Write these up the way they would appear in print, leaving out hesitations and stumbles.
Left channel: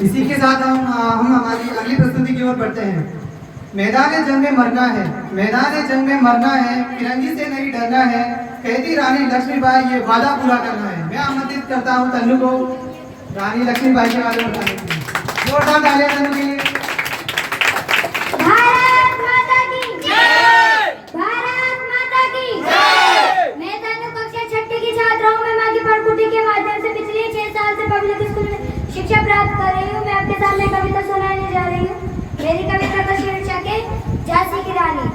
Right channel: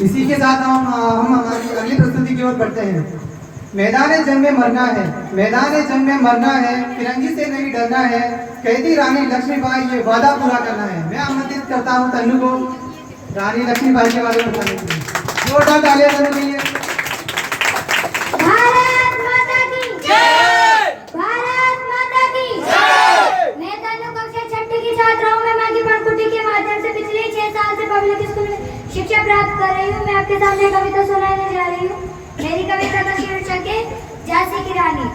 इसी के साथ हम हमारी अगली प्रस्तुति की ओर बढ़ते हैं। मैदान जंग में मरना है, मैदान जंग में मरना है, फिरंगी से नहीं डरना है, कहती रानी लक्ष्मीबाई ये वादा पूरा करना है। मैं आमंत्रित करता हूँ तन्नू को रानी लक्ष्मीबाई के बारे में बताने के लिए। जोरदार तालियां तन्नू के लिए। भारत माता की जय, भारत माता की जय। मैं तन्नू कक्षा छठी की छात्रा हूँ। मैं माँ की पढ़कुटी के माध्यम से पिछले 6 साल से पब्लिक स्कूल में शिक्षा प्राप्त कर रही हूँ। मैं आपके सामने कविता सुनाने जा रही हूँ। मेरी कविता का शीर्षक है झांसी की रानी।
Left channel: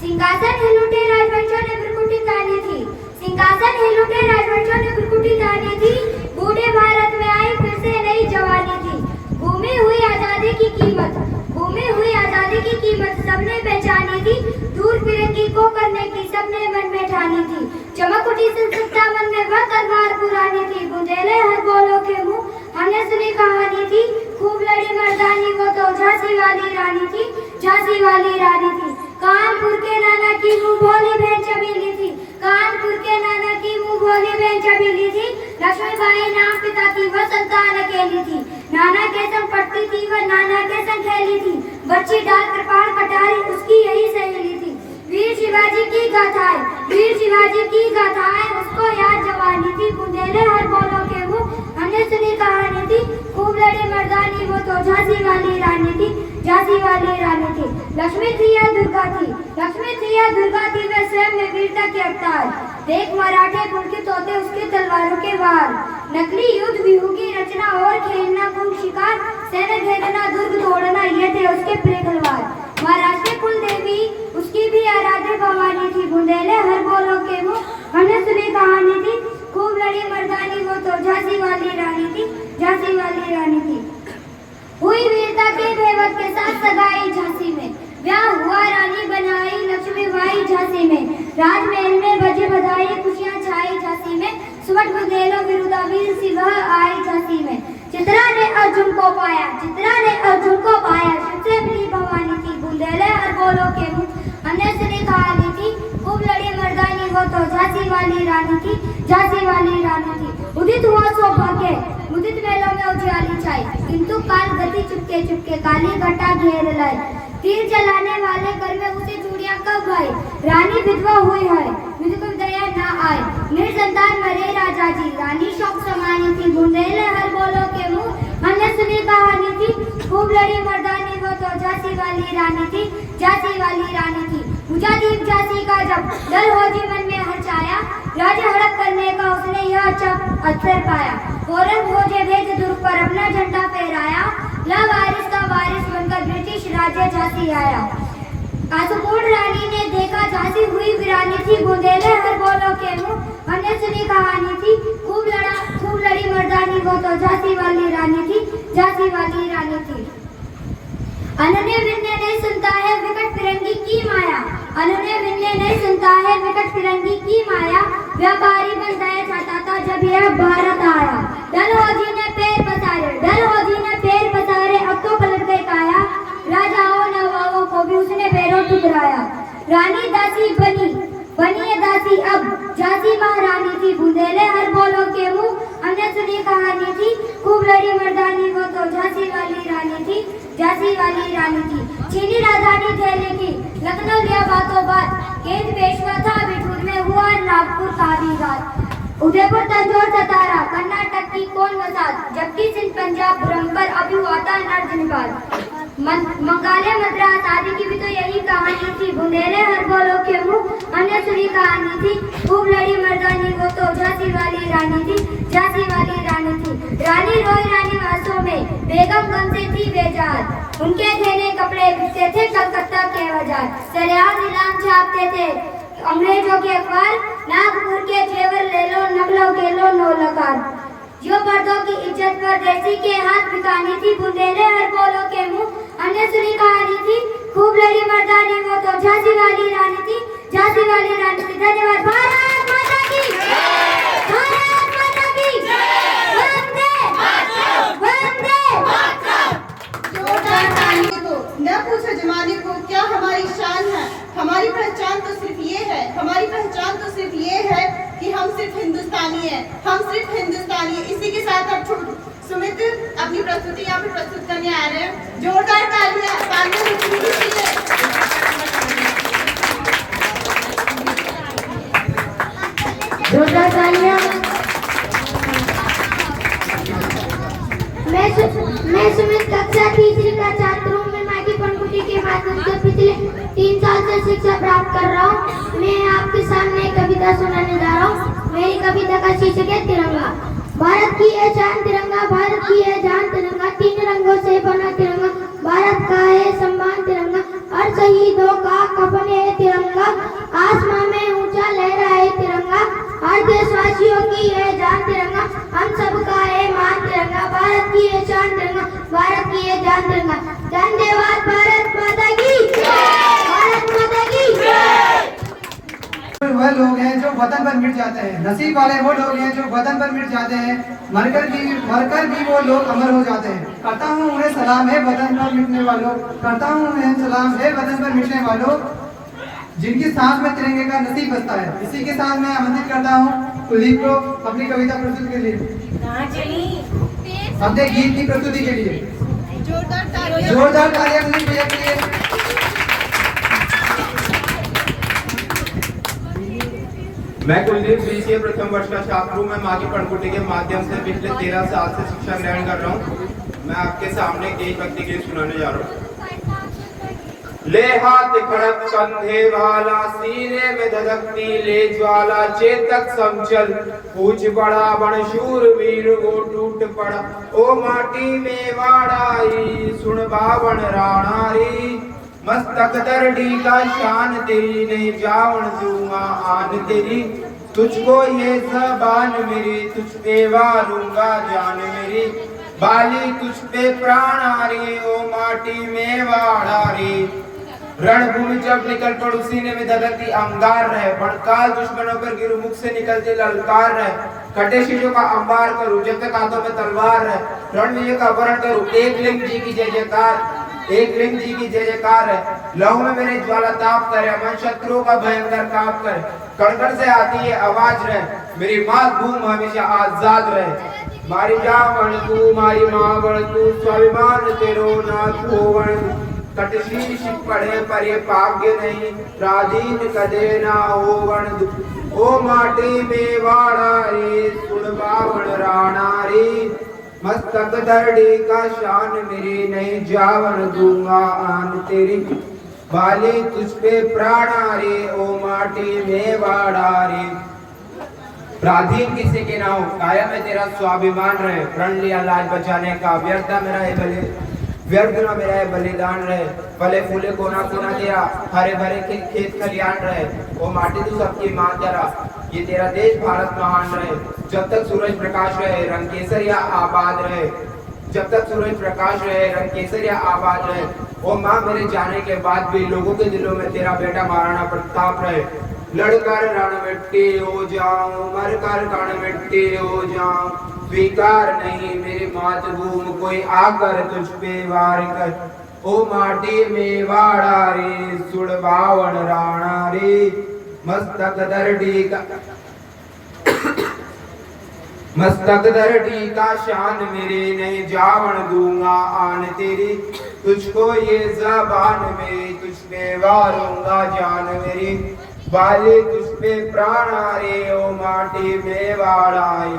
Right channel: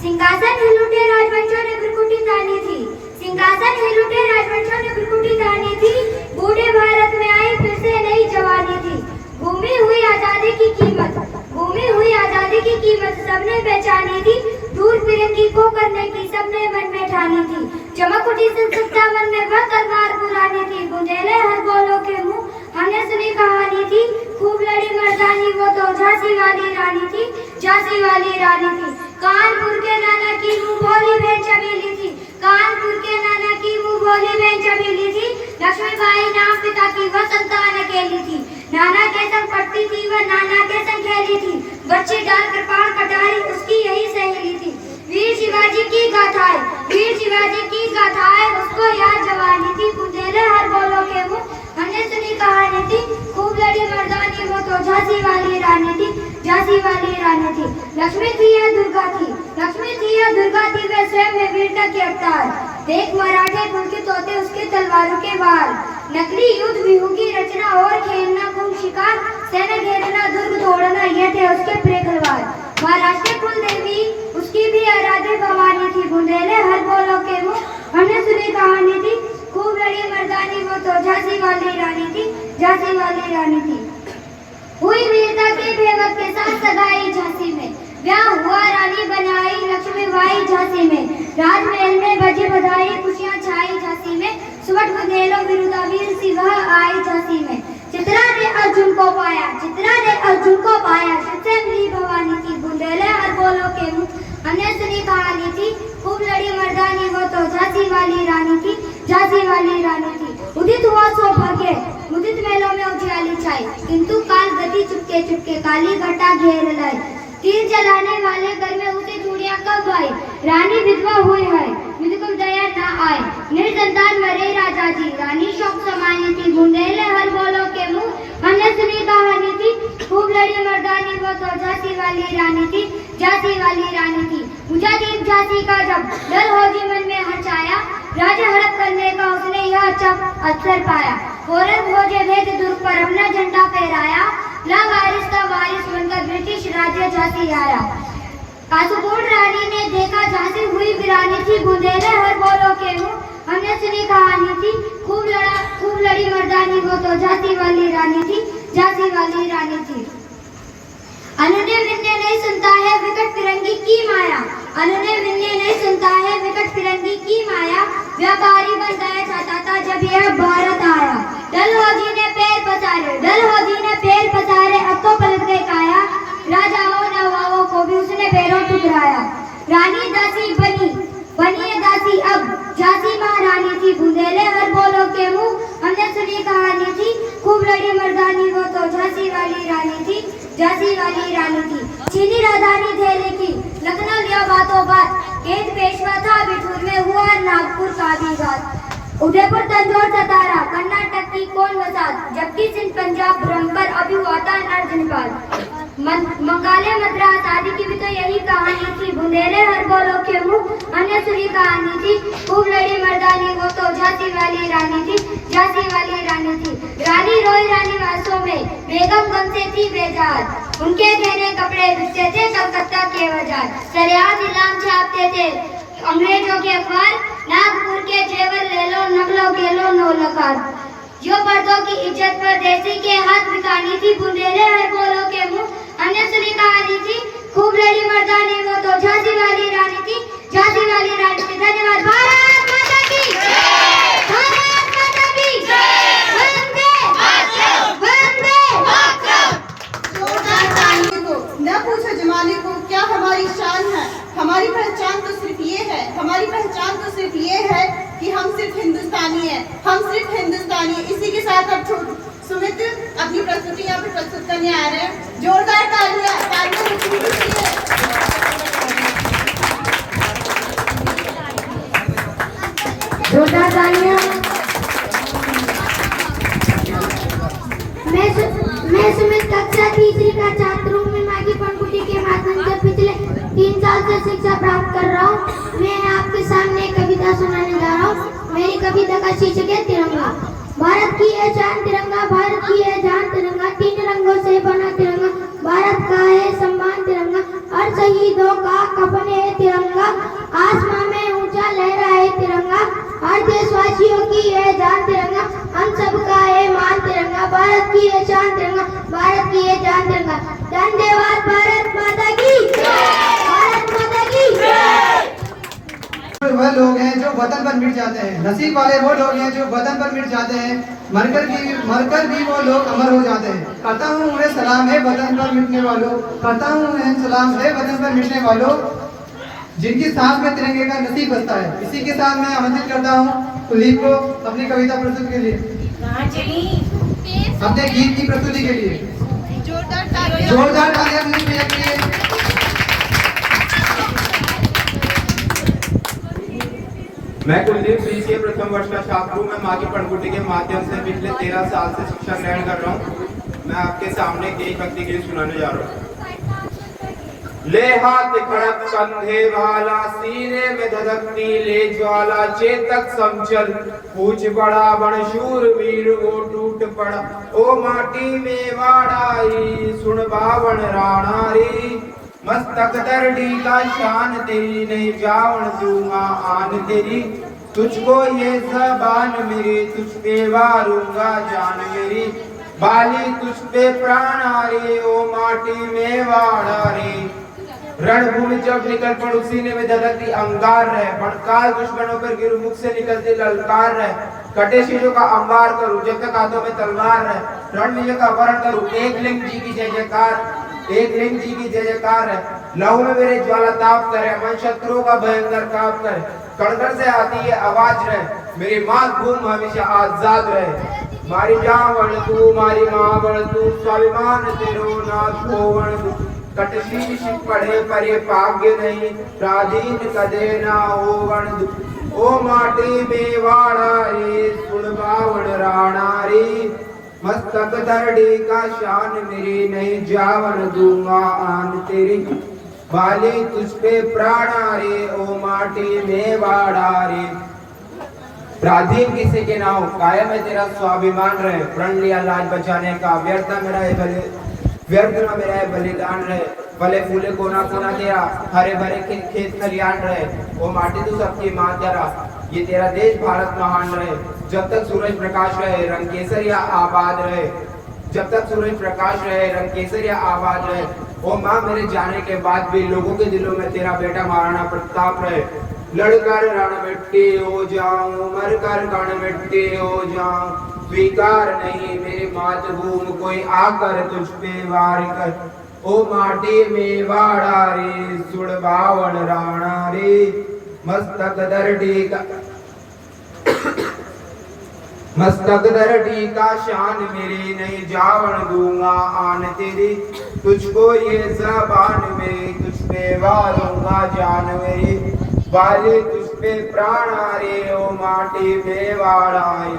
सिंहासन हिल उठे राजवंशों ने भ्रकुटी तानी थी, सिंहासन हिल उठे राजवंशों ने भ्रकुटी तानी थी। बूढ़े भारत में आई फिर से नई जवानी थी। घूमी हुई आजादी की कीमत, घूमी हुई आजादी की कीमत सबने पहचानी थी। दूर फिरंगी को करने की सबने मन में ठानी थी। चमक उठी सत्ता मन में वह तलवार पुरानी थी। बुंदेले हर बोलों के मुंह हमने सुनी कहानी थी। खूब लड़ी मर्दानी वो तो झांसी वाली रानी थी, झांसी वाली रानी थी। कानपुर के नाना की मुंह भोली बहन चमेली थी, कानपुर के नाना की मुंह भोली बहन चमेली थी। लक्ष्मीबाई नाम पिता की वह संतान अकेली थी। नाना के संग पढ़ती थी वह, नाना के संग खेली थी। बच्ची डाल कृपाण कटारी उसकी यही सहेली थी। वीर शिवाजी की गाथाएं, वीर शिवाजी की गाथाएं उसको याद जवानी थी। बुंदेले हर बोलों के मुंह हमने सुनी कहानी थी। खूब लड़ी मर्दानी वो तो झांसी वाली रानी थी, झांसी वाली रानी थी। लक्ष्मी थी या दुर्गा थी, लक्ष्मी थी या दुर्गा थी, वे स्वयं में वीरता के अवतार। देख मराठे पुलकित होते उसके तलवारों के वार। नकली युद्ध विहू की रचना और खेलना कुल शिकार, सेना घेरना दुर्ग तोड़ना ये थे उसके प्रिय तलवार। महाराष्ट्र कुल देवी उसकी भी आराध्य भवानी थी। बुंदेले हर बोलों के मुंह हमने सुनी कहानी थी। खूब लड़ी मर्दानी वो तो झांसी वाली रानी थी, झांसी वाली रानी थी। हुई वीरता के भेवक के साथ सगाई झांसी में, ब्याह हुआ रानी बनाई लक्ष्मीबाई झांसी में। राजमहल में बजी बधाई खुशियां छाई झांसी में। सुवर्ण बुंदेलों विरुद्धा वीर सिंह आई झांसी में। चित्रा ने अर्जुन को पाया, चित्रा ने अर्जुन को पाया, सबसे मिली भवानी थी। बुंदेले हर बोलों के मुंह हमने सुनी कहानी थी। खूब लड़ी मर्दानी वो तो झांसी वाली रानी थी, झांसी वाली रानी थी। उदित हुआ सौभाग्य, उदित मेलों में उजियाली छाई, किंतु काल गति चुपके चुपके काली घटा घेर लाई। तीर चलाने वाले घर में उसे चूड़ियां कब आई, रानी विधवा हुई है मुझको दया ना आए। निर्संतान मरे राजा जी, रानी शोक समानी थी। बुंदेले हर बोलों के मुंह हमने सुनी कहानी थी। खूब लड़ी मर्दानी वो तो झांसी वाली रानी थी, झांसी वाली रानी थी। बुझा दीप झांसी का जब डर हो जी मन में हर्षाया, राजा हड़प करने का उसने यह अच्छा अवसर पाया। औरंग खोजे भेद दुर्ग पर अपना झंडा फहराया, ला वारिस का वारिस बनकर ब्रिटिश राज्य झांसी आया। आसुपूर्ण रानी ने देखा झांसी हुई वीरानी थी। बुंदेले हर बोलों के मुंह हमने सुनी कहानी थी। खूब लड़ी मर्दानी वो तो झांसी वाली रानी थी, झांसी वाली रानी थी। अनन्य विनय नहीं सुनता है विकट फिरंगी की माया, अनन्य विनय नहीं सुनता है विकट फिरंगी की माया। व्यापारी बन गया चाहता था जब यह भारत आया। डलहौजी ने पैर पसारे, डलहौजी ने पैर पसारे, अब तो पलट गए काया। राजाओं नवाबों को भी उसने पैरों ठुकराया। रानी दासी बनी, बनी दासी अब, झांसी महारानी थी। बुंदेले हर बोलों के मुंह हमने सुनी कहानी थी। खूब लड़ी मर्दानी वो तो झांसी वाली रानी थी, झांसी वाली रानी थी। चीनी राजधानी दिल्ली की लखनऊ लिया बातों बात, केंद्र पेशवा था बिठूर में हुआ नागपुर का भी घात। उदयपुर तंजौर सतारा कर्नाटक की कौन वसात, जबकि सिंध पंजाब ब्रह्मपुर अभी हुआ था नरजनपाल। मंगाले मद्रास आदि की भी तो यही कहानी थी। बुंदेले हर बोलों के मुंह हमने सुनी कहानी थी। खूब लड़ी मर्दानी वो तो झांसी वाली रानी थी, झांसी वाली रानी थी। रानी रोई रानी वासों में, बेगम गम से थी बेजार। उनके गहने कपड़े बिकते थे कलकत्ता के बाजार। सरेआम इलाम छापते थे अंग्रेजों के अखबार, नागपुर के जेवर ले लो नकलो के लो नो लकार। जो पर्दों की इज्जत पर देसी के हाथ बिकानी थी। बुंदेले हर बोलों के मुंह हमने सुनी कहानी थी। खूब लड़ी मर्दानी वो तो झांसी वाली रानी थी, झांसी वाली रानी थी। धन्यवाद। भारत माता की जय, भारत माता की जय, वंदे मातरम, वंदे मातरम। जोरदार तालियों को न पूछो जमाने को क्या हमारी शान है। हमारी पहचान तो सिर्फ ये है, हमारी पहचान तो सिर्फ ये है कि हम सिर्फ हिंदुस्तानी हैं, हम सिर्फ हिंदुस्तानी हैं। इसी के साथ अब सुमित अपनी प्रस्तुति यहाँ पे प्रस्तुत करने आ रहे हैं। जोरदार तालियां जोरदार तालियां। मैं सुमित कक्षा तीसरी का छात्र हूँ। मैं माघी पंखुड़ी के माध्यम से पिछले 3 साल से शिक्षा प्राप्त कर रहा हूँ। मैं आपके सामने एक कविता सुनाने जा रहा हूँ। मेरी कविता का शीर्षक है तिरंगा। भारत की है शान तिरंगा, भारत की है जान तिरंगा, 3 रंगों से बना तिरंगा, भारत का है सम्मान तिरंगा, हर शहीदों का कफन है तिरंगा, आसमां में ऊंचा लहरा है तिरंगा, हर देशवासियों की है जान तिरंगा, हम सबका है मान तिरंगा, भारत की है शान तिरंगा, भारत की है जान तिरंगा। धन्यवाद। भारत माता की जय, भारत माता की जय। वह लोग हैं जो वतन पर मिट जाते हैं, नसीब वाले वो लोग हैं जो वतन पर मिट जाते हैं, मरकर भी वो लोग अमर हो जाते हैं। करता हूँ उन्हें सलाम है वतन पर मिटने वालों, करता हूँ उन्हें सलाम है वतन पर मिटने वालों, जिनकी सांस में तिरंगे का नसीब बसता है। इसी के साथ मैं आमंत्रित करता हूँ कुलदीप को अपनी कविता प्रस्तुति के लिए, अपने गीत की प्रस्तुति के लिए। जोरदार तालियां कुलदीप भैया के लिए। मैं कुलदीप बीसीए प्रथम वर्ष का छात्र हूँ। मैं माघी पंखुड़ी के माध्यम से पिछले 13 साल से शिक्षा ग्रहण कर रहा हूँ। मैं आपके सामने एक भक्ति गीत सुनाने जा रहा हूँ। ले हाथ खड़क कंधे वाला, सीने में धधकती ले ज्वाला, चेतक समचल पूछ बड़ा बण शूर वीर वो टूट पड़ा, ओ माटी में वाड़ाई सुन बावन राणारी, मस्तक दर्डी का शान तेरी नहीं जावन दूंगा आन तेरी, तुझको ये जबान मेरी तुझ पे वारूंगा जान मेरी, बाली तुझ पे प्राण आ रही ओ माटी में वाड़ा रे, रणभूमि जब निकल पड़ू सीने में धधकती अंगार रहे, भड़काल दुश्मनों पर गिरू मुख से निकलती ललकार रहे, कटे शीशों का अंबार करूं जब तक हाथों में तलवार रहे, रणवीर का वरण करूं एक लिंग जी की जय जयकार, एक लिंग जी की जय जयकार है, लहू में मेरे ज्वाला ताप करे, मन शत्रुओं का भयंकर काप करे, कड़कड़ से आती है आवाज रहे, मेरी मातृभूमि हमेशा आजाद रहे, मारी जावण तू मारी मावण तू, स्वाभिमान तेरो ना खोवण, कटशीश पढ़े पर ये भाग्य नहीं, प्राधीन कदे ना होवण, ओ माटी में वाड़ा रे सुन बावण राणा रे, मस्तक दर्डी का शान मेरी नहीं जावन दूंगा आन तेरी, बाली तुझ पे प्राण रे ओ माटी में वाड़ा रे, प्राधीन किसी के ना हो कायम है तेरा स्वाभिमान रहे, प्रण लिया लाज बचाने का, व्यर्थ मेरा है व्यर्थ ना मेरा है बलिदान रहे, फले फूले कोना कोना तेरा, हरे भरे खेत खलियान रहे, वो माटी तू सबकी मां तेरा, ये तेरा देश भारत महान रहे, जब तक सूरज प्रकाश रहे रंग केसरिया आबाद रहे, जब तक सूरज प्रकाश रहे रंग केसरिया आबाद रहे, ओ मां मेरे जाने के बाद भी लोगों के दिलों में तेरा बेटा महाराणा प्रताप रहे, लड़कर रण मिट्टी हो जाऊं मरकर कण मिट्टी हो जाऊं, स्वीकार नहीं मेरी मातृभूमि कोई आकर तुझ पे वार कर, ओ माटी में वाड़ा रे सुड़ बावन राणा रे, मस्तक दर्डी का मस्तक दर्डी का शान मेरी नहीं जावन दूंगा आन तेरी, तुझको ये जबान मेरी तुझ पे वारूंगा जान मेरी, बाली तुझ पे प्राण आ रे ओ माटी में वाड़ाई।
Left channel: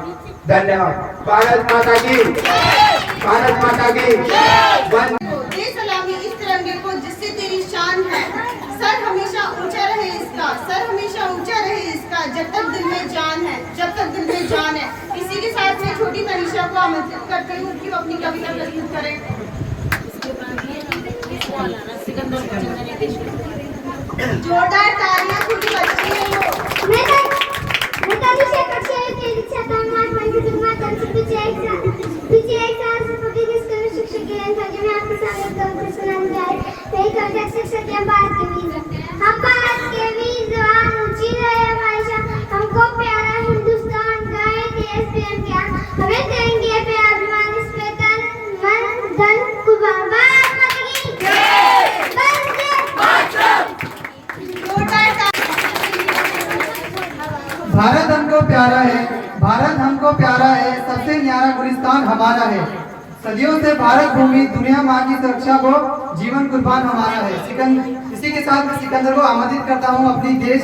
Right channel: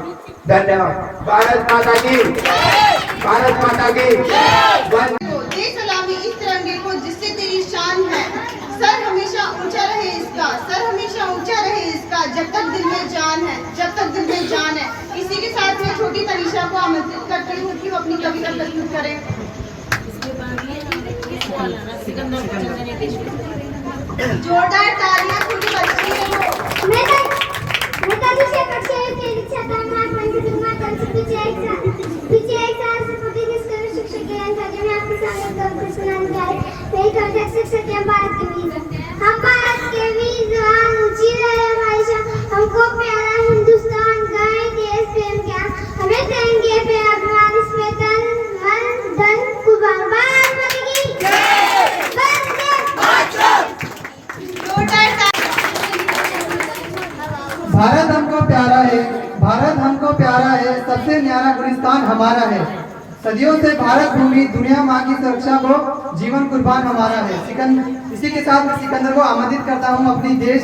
धन्यवाद। भारत माता की भारत माता की दे सलामी इस तिरंगे को जिससे तेरी शान है, सर हमेशा ऊंचा रहे इसका, सर हमेशा ऊंचा रहे इसका, जब तक दिल में जान है, जब तक दिल में जान है। इसी के साथ मैं छोटी तनीषा को आमंत्रित करती हूँ कि वो अपनी कविता प्रस्तुत करें। जोरदार तालियां खुली बच्ची। मैं तनीषा कक्षा के छात्र पीछे एक साल से प्रतिदिन शिक्षक के अंतर्गत मैं आपके सामने कविता सुनाने जा रही हूँ। मेरी कविता शिक्षक के भारत के वीर, हम भारत के वीर जवान, ऊंची रहे हमारी शान, हमको प्यारा हिंदुस्तान, गाए देश प्रेम क्या, हमें करेंगे प्यार अभिमान, इसमें तन मन धन कुर्बान। भारत माता की जय, वंदे मातरम। भारत हमको प्यारा है, भारत हमको प्यारा है, सबसे न्यारा गुलिस्तान हमारा है, सदियों से भारत भूमि दुनिया माँ की सुरक्षा को जीवन कुर्बान हमारा है। इसी के साथ सिकंदर को आमंत्रित करता हूँ अपनी देश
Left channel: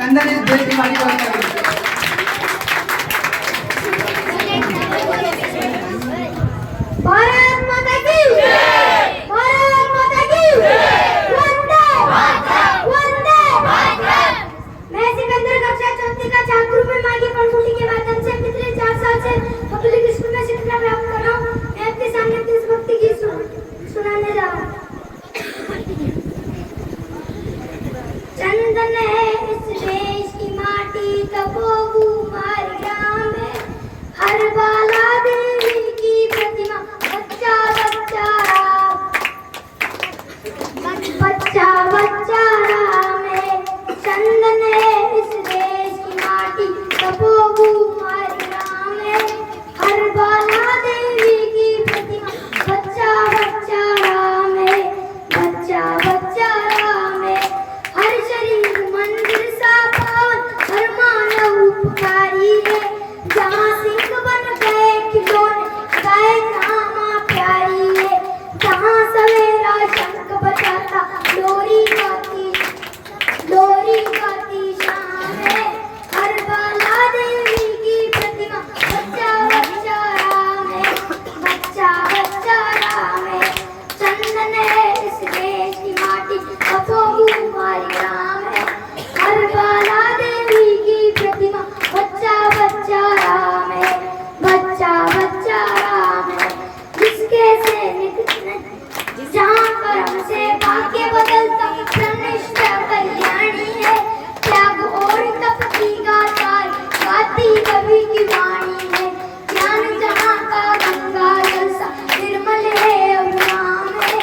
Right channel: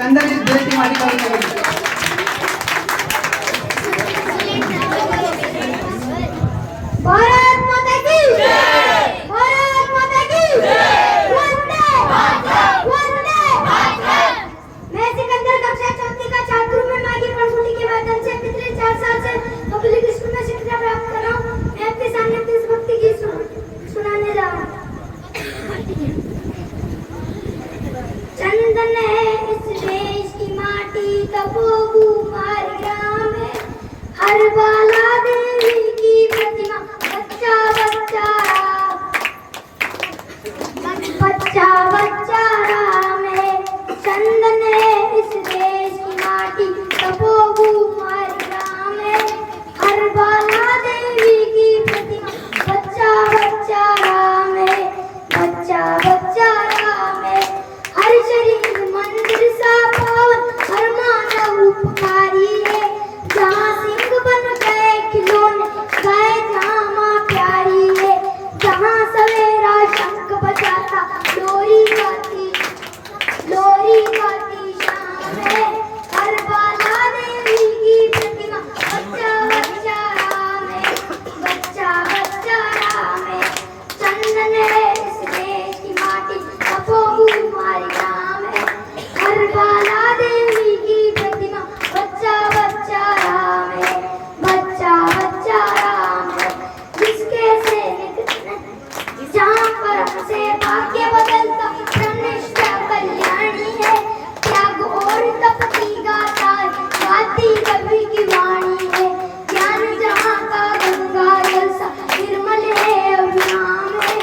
लंदन इस देश की माटी पर करने के लिए। भारत माता की जय, भारत माता की जय, वंदे मातरम, वंदे मातरम। मैं सिकंदर कक्षा चौथी का छात्र हूँ। मैं माँ की पढ़ाई के माध्यम से पिछले 4 साल से पब्लिक स्कूल में शिक्षा प्राप्त कर रहा हूँ। मैं आपके सामने देशभक्ति गीत सुनाने जा रहा हूँ। चंदन है इस देश की माटी, तपोभू हमारे ग्राम है, हर बाला देवी की प्रतिमा, बच्चा बच्चा राम, बच्चा बच्चा राम है। चंदन है इस देश की माटी, तपोभू हमारे ग्राम है, हर बाला देवी की प्रतिमा, बच्चा बच्चा राम है, बच्चा बच्चा राम है। हर शरीर मंदिर सा पावन, हर मानव उपकारी है, जहाँ सिंह बन गए खिलौने, गए जहाँ माँ प्यारी है, जहाँ सवेरा शंख बजाता, लोरी गाती शाम है, हर बाला देवी की प्रतिमा, बच्चा बच्चा राम है, बच्चा बच्चा राम है। चंदन है इस देश की माटी, तपोभू हमारे ग्राम है, हर बाला देवी की प्रतिमा, बच्चा बच्चा राम है, बच्चा बच्चा राम है। जिसके सैनिक जहाँ कर्म से भाग्य बदलता, प्रनिष्ठ कल्याणी है, त्याग और तप की गाथा है, गाती कवि की वाणी है, ज्ञान जहाँ का गंगा जल सा निर्मल है अविराम है,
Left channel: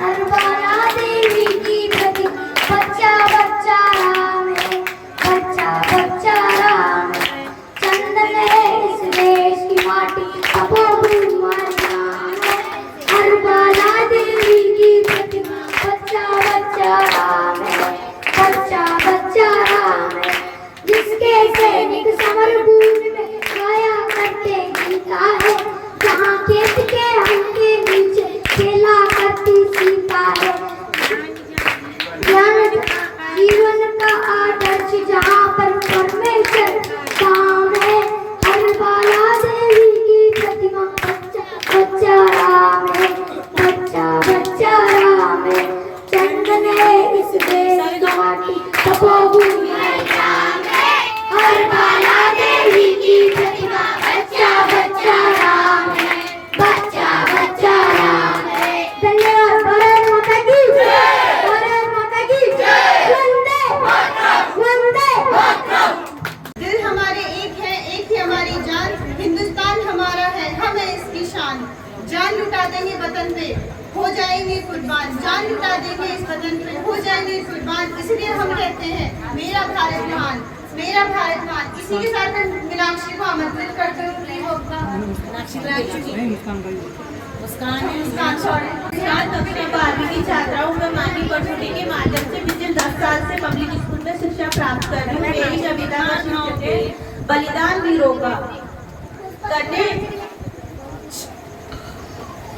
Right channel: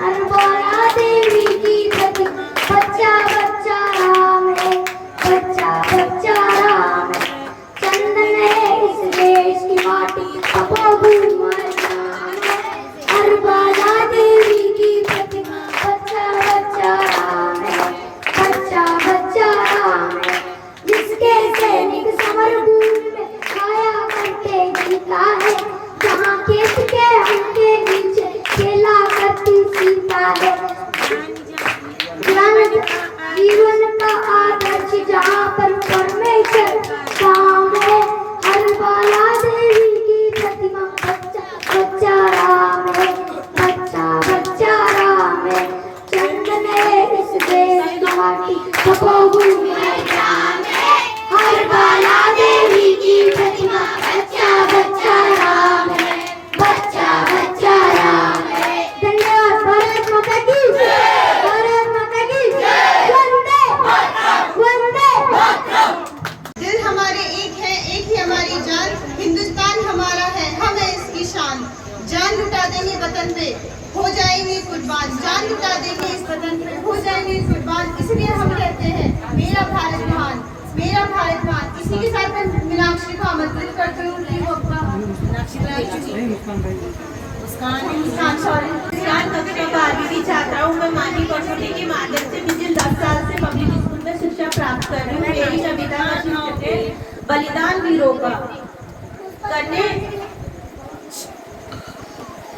हर बाला देवी की प्रतिमा, बच्चा बच्चा राम है, बच्चा बच्चा राम है। चंदन है इस देश की माटी, तपोभू हमारे ग्राम है, हर बाला देवी की प्रतिमा, बच्चा बच्चा राम है, बच्चा बच्चा राम है। जिसके सैनिक समर भूमि में खाया करते जीता है, जहाँ खेत के हल्के नीचे खेला करती सीता है, ज्ञान जीवन का आदर्श जहाँ पर परमेश्वर काम है, हर बाला देवी की प्रतिमा, बच्चा बच्चा राम है, बच्चा बच्चा राम है। चंदन है इस देश की माटी, तपोभू हमारे ग्राम है, हर बाला देवी की प्रतिमा, बच्चा बच्चा राम है, बच्चा बच्चा राम है। धन्यवाद। भारत माता की जय, भारत माता की जय, वंदे मातरम, वंदे मातरम। दिल हमारे एक है, एक ही हमारी जान, हिंदुस्तान हमारा है, हम है इसकी शान। जान लुटा देंगे वतन पे, हो जाएंगे कुर्बान, जान लुटा देंगे इस वतन पे, हो जाएंगे कुर्बान। इसलिए हम कहते हैं मेरा भारत महान, मेरा भारत महान। इसी के साथ मैं मीनाक्षी को आमंत्रित करती हूँ कि वो अपना कक्षा 12वीं की छात्रा हूँ। मैं माँ की पढ़ाई के माध्यम से पिछले 10 साल से पब्लिक स्कूल में शिक्षा प्राप्त कर रही हूँ। मेरी कविता का शीर्षक है बलिदान वीरों का।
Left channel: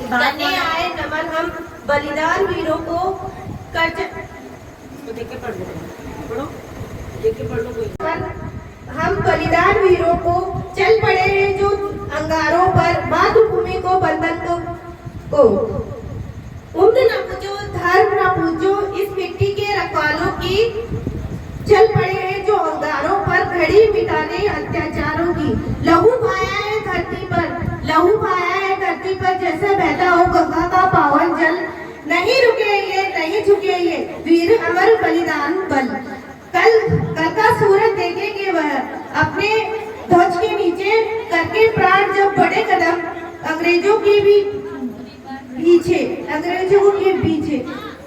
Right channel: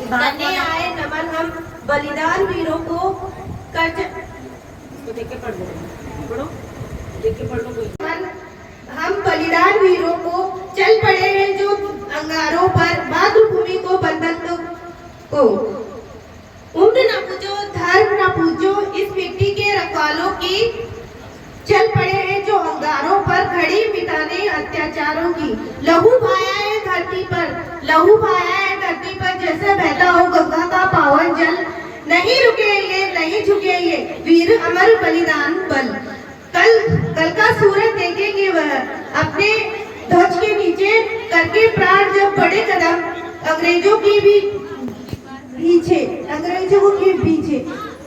करने आए नमन हम बलिदान वीरों को, हम बलिदान वीरों को, चल पड़े हैं जो अंगारों पर, मातृभूमि को बंधन को। उम्र न पूजो, धर्म न पूजो, इस मिट्टी के रखवालों की, चल पड़े हैं जो अंगारों पर, घड़ी मिटाने अत्याचारों की। लहू बहाया है धरती पर, लहू बहाया है धरती पर, जैसे बहता हो गंगा का पावन जल। नहीं रुके ये, नहीं झुके ये, वीर अमर बलिदान बल। कल का सूरज देखेंगे वह, अपने ध्वज के नीचे करके प्राण जब बड़े कदम, अंग्रेजों की भी पीछे, अंग्रेजों के पीछे।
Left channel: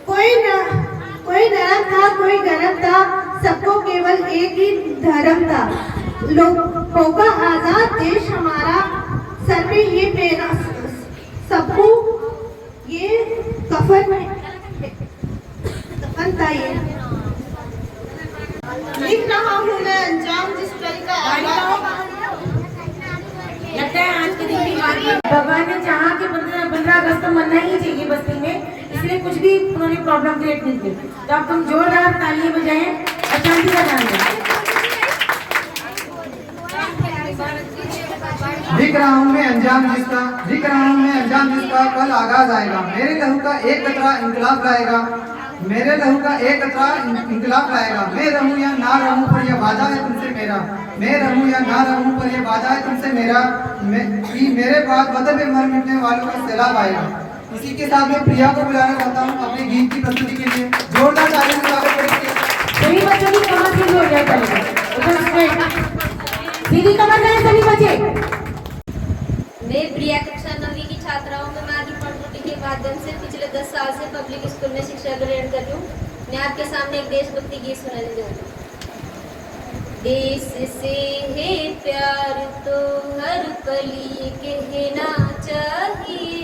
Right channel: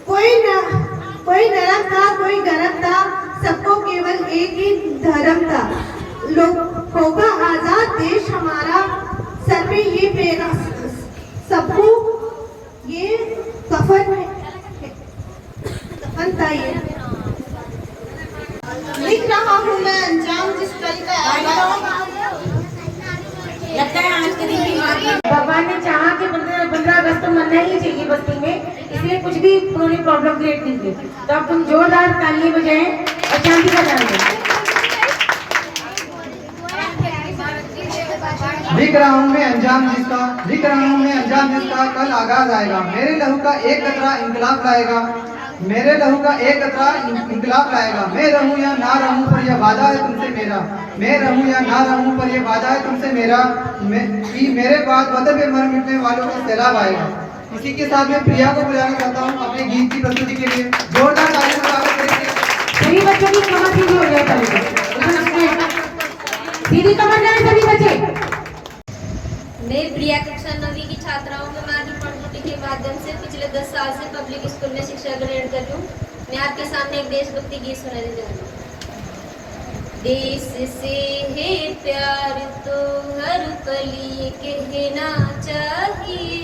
कोई नरम था, कोई गरम था, सबको केवल एक ही धर्म था। लोगों का आजाद देश हमारा, सर में ये प्रेरणा, सबको ये कफन था। ये लिख रहा हूँ मैं अंजाम जिस कल का आगाज। लगता है आज के दिन भगवान ने उन्होंने प्रॉब्लम क्रिएट नहीं की। तो अब तुम जोरदार तालियां बजाएं और शांति का ध्यान दें। दिख रहा हूँ मैं अंजाम जिसका, दिख रहा हूँ मैं अंजाम जिसका कल आगाज आएगा। मेरे लहू का एक कतरा इंकलाब लाएगा, मेरे लहू का एक कतरा इंकलाब लाएगा। मैं रहूं या ना रहूं पर यह वादा है तुमसे मेरा, मैं रहूं या ना रहूं पर यह वादा है तुमसे मेरा, कि मेरे बाद वतन पे मर मिटने वालों का सैलाब आएगा। इसी के साथ मैं प्रिया को बुलाना चाहता हूँ अपने गीत की प्रस्तुति के लिए। जोरदार तालियों से स्वागत करेंगे। सभी बच्चों की कमर सीधी हो जाए पहले सीधी कमर जाए सभी बच्चे। मैं प्रिया कक्षा 9वीं की छात्रा हूँ। मैं मागी पणकुटी के माध्यम से पिछले 10 साल से पब्लिक स्कूल में शिक्षा ग्रहण कर रही हूँ। मैं आपके सामने एक देशभक्ति गीत सुनाने जाऊँगी। देश से है प्यार तो हर पल ये कहना चाहिए,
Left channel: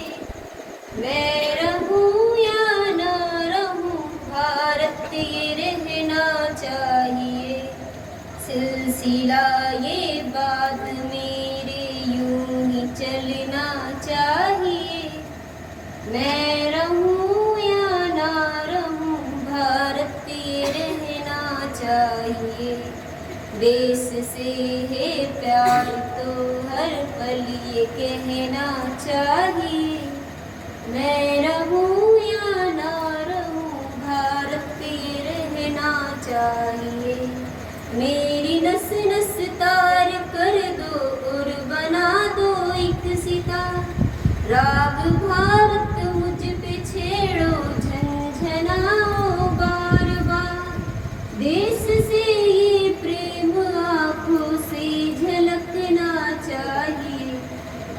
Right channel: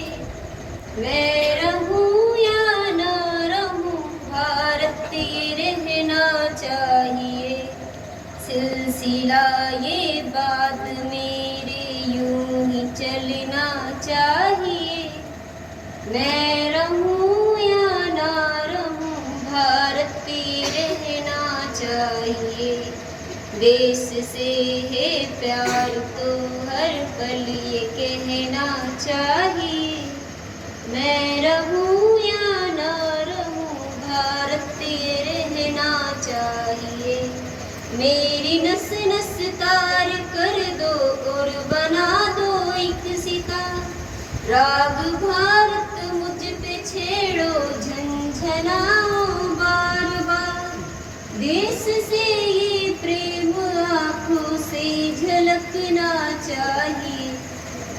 मैं रहूं या ना रहूं भारतीय रहना चाहिए। सिलसिला ये बात मेरे यूं ही चलना चाहिए, मैं रहूं या ना रहूं भारतीय रहना चाहिए। देश से है प्यार तो हर पल ये कहना चाहिए, मैं रहूं या ना रहूं भारतीय रहना चाहिए। मेरी नस नस तार कर दो और बना दो एक सितार, राग भारत मुझ पे छेड़ो झंझनाओ बार बार। देश से ये प्रेम आँखों से झलकना चाहिए,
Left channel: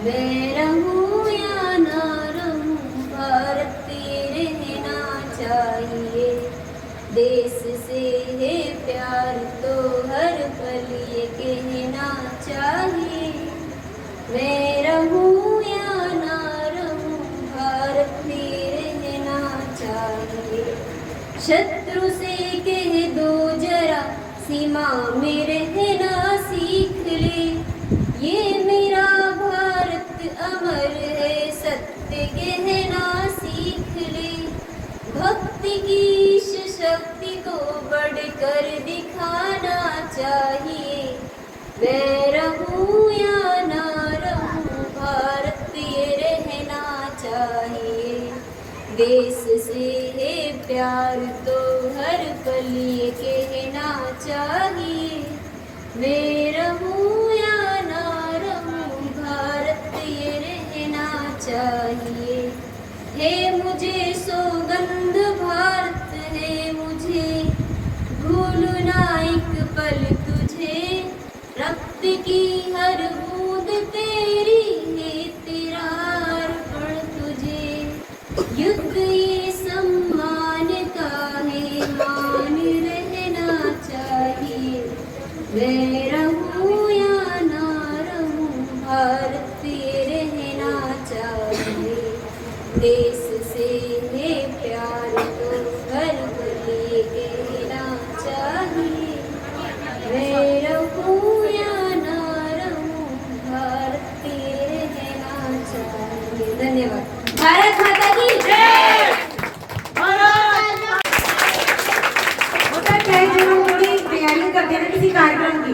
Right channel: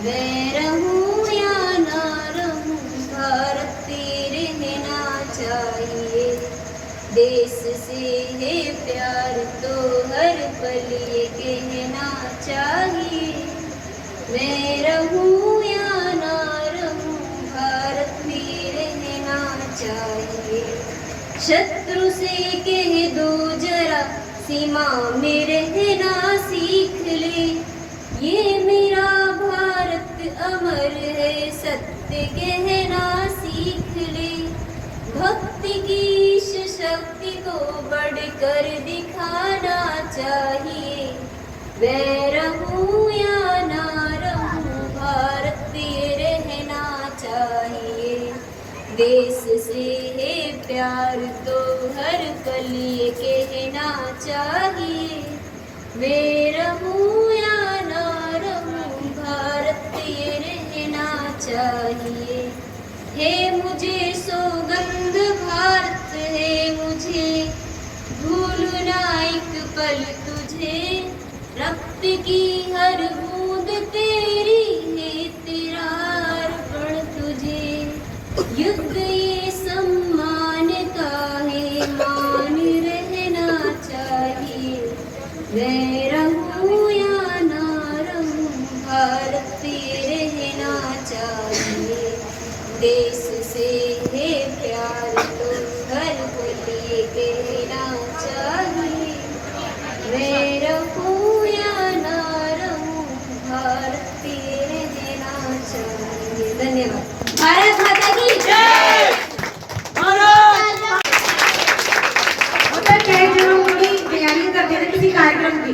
मैं रहूं या ना रहूं भारतीय रहना चाहिए। देश से है प्यार तो हर पल ये कहना चाहिए, मैं रहूं या ना रहूं भारतीय रहना चाहिए। शत्रु से कह दो जरा सीमा में रहना सीख ले, ये मेरा भारत अमर है सत्य कहना सीख ले। भक्ति की शक्ति को बढ़कर दिखाना चाहिए, मैं रहूं या ना रहूं भारतीय रहना चाहिए। देश से है प्यार तो हर पल ये कहना चाहिए, मैं रहूं या ना रहूं भारतीय रहना चाहिए। है मुझे सौगंध भारत है मुझे भूलना एक पल तुझे, रक्त की हर बूंद तेरी है तेरा अर्पण तुझे। युद्ध ये सम्मान का है मान रहना चाहिए, मैं रहूं या ना रहूं भारतीय रहना चाहिए। देश से है प्यार तो हर पल ये कहना चाहिए, मैं रहूं या ना रहूं भारतीय रहना चाहिए। धन्यवाद। भारत माता की जय। होता क्या है जब हम थोड़ी तैयारी करते हैं किसी कार्यक्रम की,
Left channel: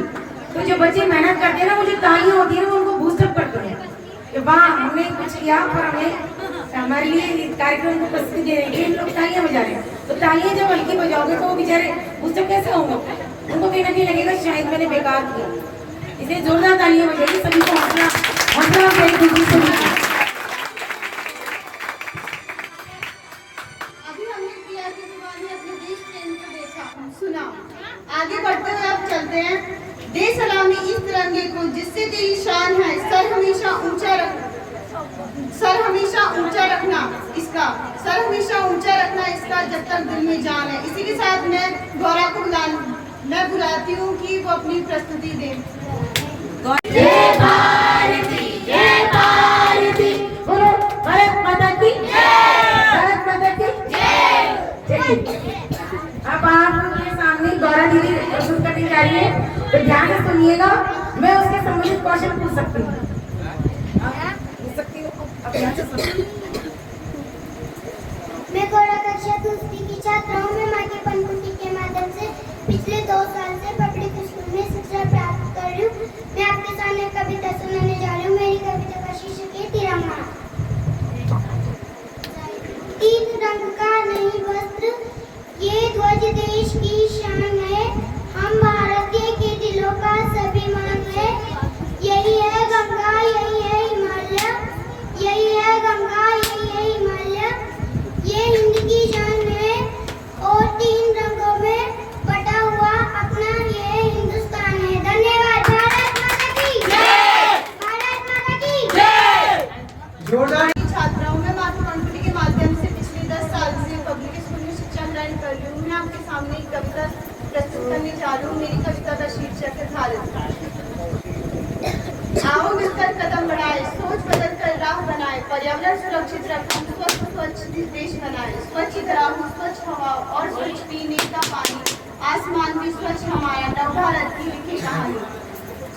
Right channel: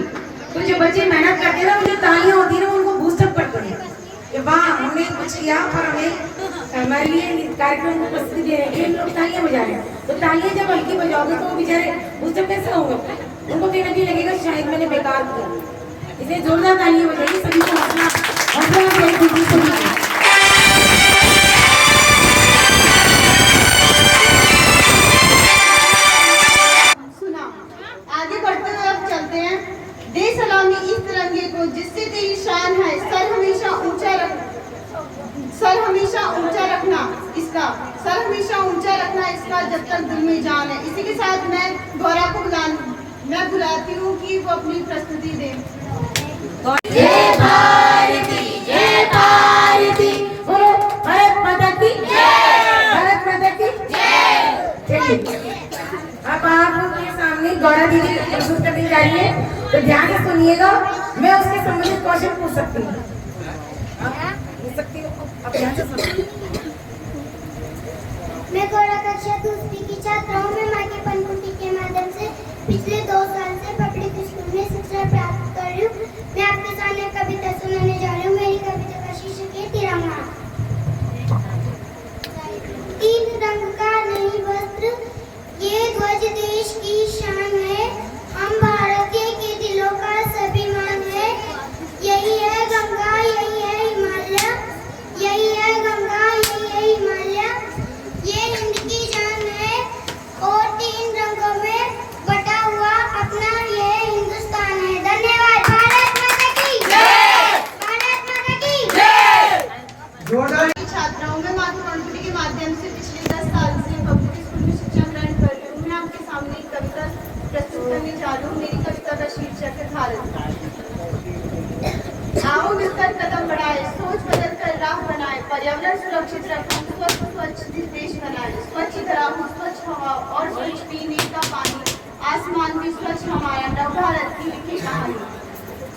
तो जो बच्चे मेहनत करते हैं ना मुझे तालियां होती है ना उनको बूस्टअप करते हैं कि वाह हमने कुछ किया पर हमें हमारे लिए कार्यक्रम को प्रस्तुति दे रहे हैं, लोग तालियां बजा रहे हैं। तो तालियां जब हल्की बजाओगे तो वो बेचारे बूस्टअप कैसे होंगे, उनको कहीं ना कहीं लगेगा शायद मैंने बेकार किया। इसलिए जोरदार तालियां बजाइए, सभी को हौसला हौसला से सुना। आगे बढ़ते हुए अब चलते हैं। दे सलामी इस तिरंगे को जिससे तेरी शान है, सर हमेशा ऊंचा रखना इसका, सर हमेशा ऊंचा रखना इसका जब तक दिल में जान है। इसी के साथ मैं गौरा को बुलाती हूँ कि वो अपनी प्रस्तुति दें। जय भारती जय भारती, बोलो भारत माता की जय, भारत माता की जय। चलिए अब आपके सामने गौरा दीदी प्रस्तुत करने जा रही है, तो ध्यान से सुनिएगा। मैं उसके संबंधित क्वेश्चन पूछ सकती हूँ, पूछ सकती हूँ, अब ध्यान से सुनिए। मैं गौरा कक्षा जोरदार छात्राओं में मातृ पंखुड़ी के माध्यम से पिछले 10 साल से पब्लिक स्कूल में शिक्षा ग्रहण कर रही हूँ। मैं आपके सामने एक कविता प्रस्तुत करने जा रही हूँ। मेरी कविता का शीर्षक है भारत। आओ मिलकर कदम बढ़ाए, सोच बदल कर राह बनाए, पर्यावरण सुरक्षित रखें, स्वच्छ देश बनाए, स्वच्छ ग्राम, स्वच्छ हवा और स्वच्छ पीने का पानी, आसमान भी स्वच्छ हमारा, नव भारत की लिखी कहानी।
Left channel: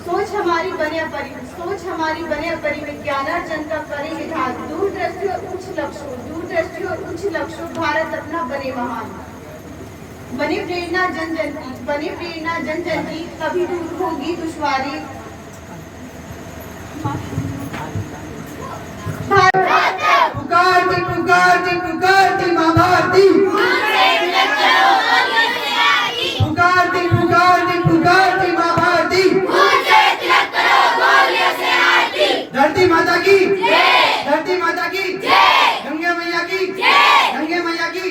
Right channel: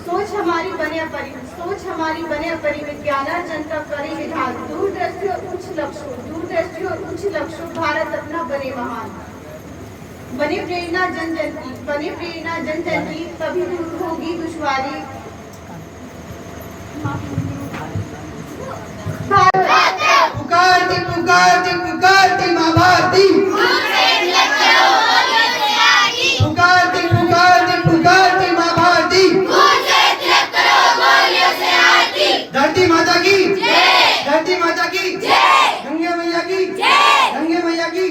सोच हमारी बने अपरिमित, सोच हमारी बने अपरिमित, ज्ञानार्जन का करें विधान, दूरदृष्टि और उच्च लक्ष्यों, दूरदृष्टि और उच्च लक्ष्यों, भारत अपना बने महान। बने प्रेरणा जन जन की, बने प्रेरणा जन जन की, तभी दूर होगी दुश्वारी। पुकारती पुकारती पुकारती माँ भारती, पुकारती पुकारती पुकारती माँ भारती, धरती माता की, धरती माता की, गंगे मैया की, गंगे मैया की।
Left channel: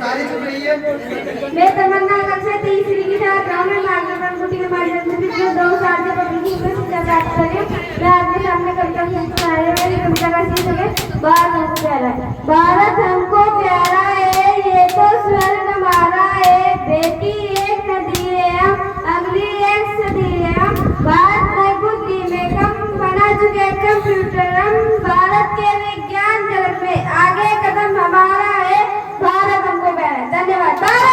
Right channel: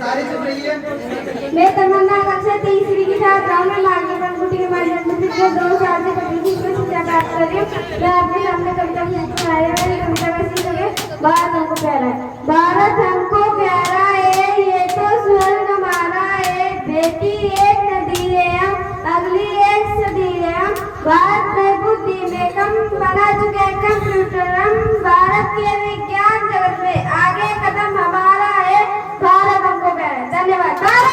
सारे चुप रहिए। मैं तमन्ना कक्षा तीसरी की छात्राओं में मार्ग पंखुड़ी के माध्यम से पिछले 2 साल से पब्लिक स्कूल में शिक्षा प्राप्त कर रही हूँ। मैं आपके सामने कविता प्रस्तुत कर रही हूँ। मेरी कविता का शीर्षक है भारत हमको प्यारा है। भारत हमको प्यारा है, ये तो स्वर्ग हमारा है। बेटी एक नदी है हम, अगली एक सदी है हम। भारत में बुद्धि में कम, बना चुके कंप्यूटर हम। भारत के विज्ञान जगत में आगे कदम हमारा है। भारत हमको प्यारा है। धन्यवाद।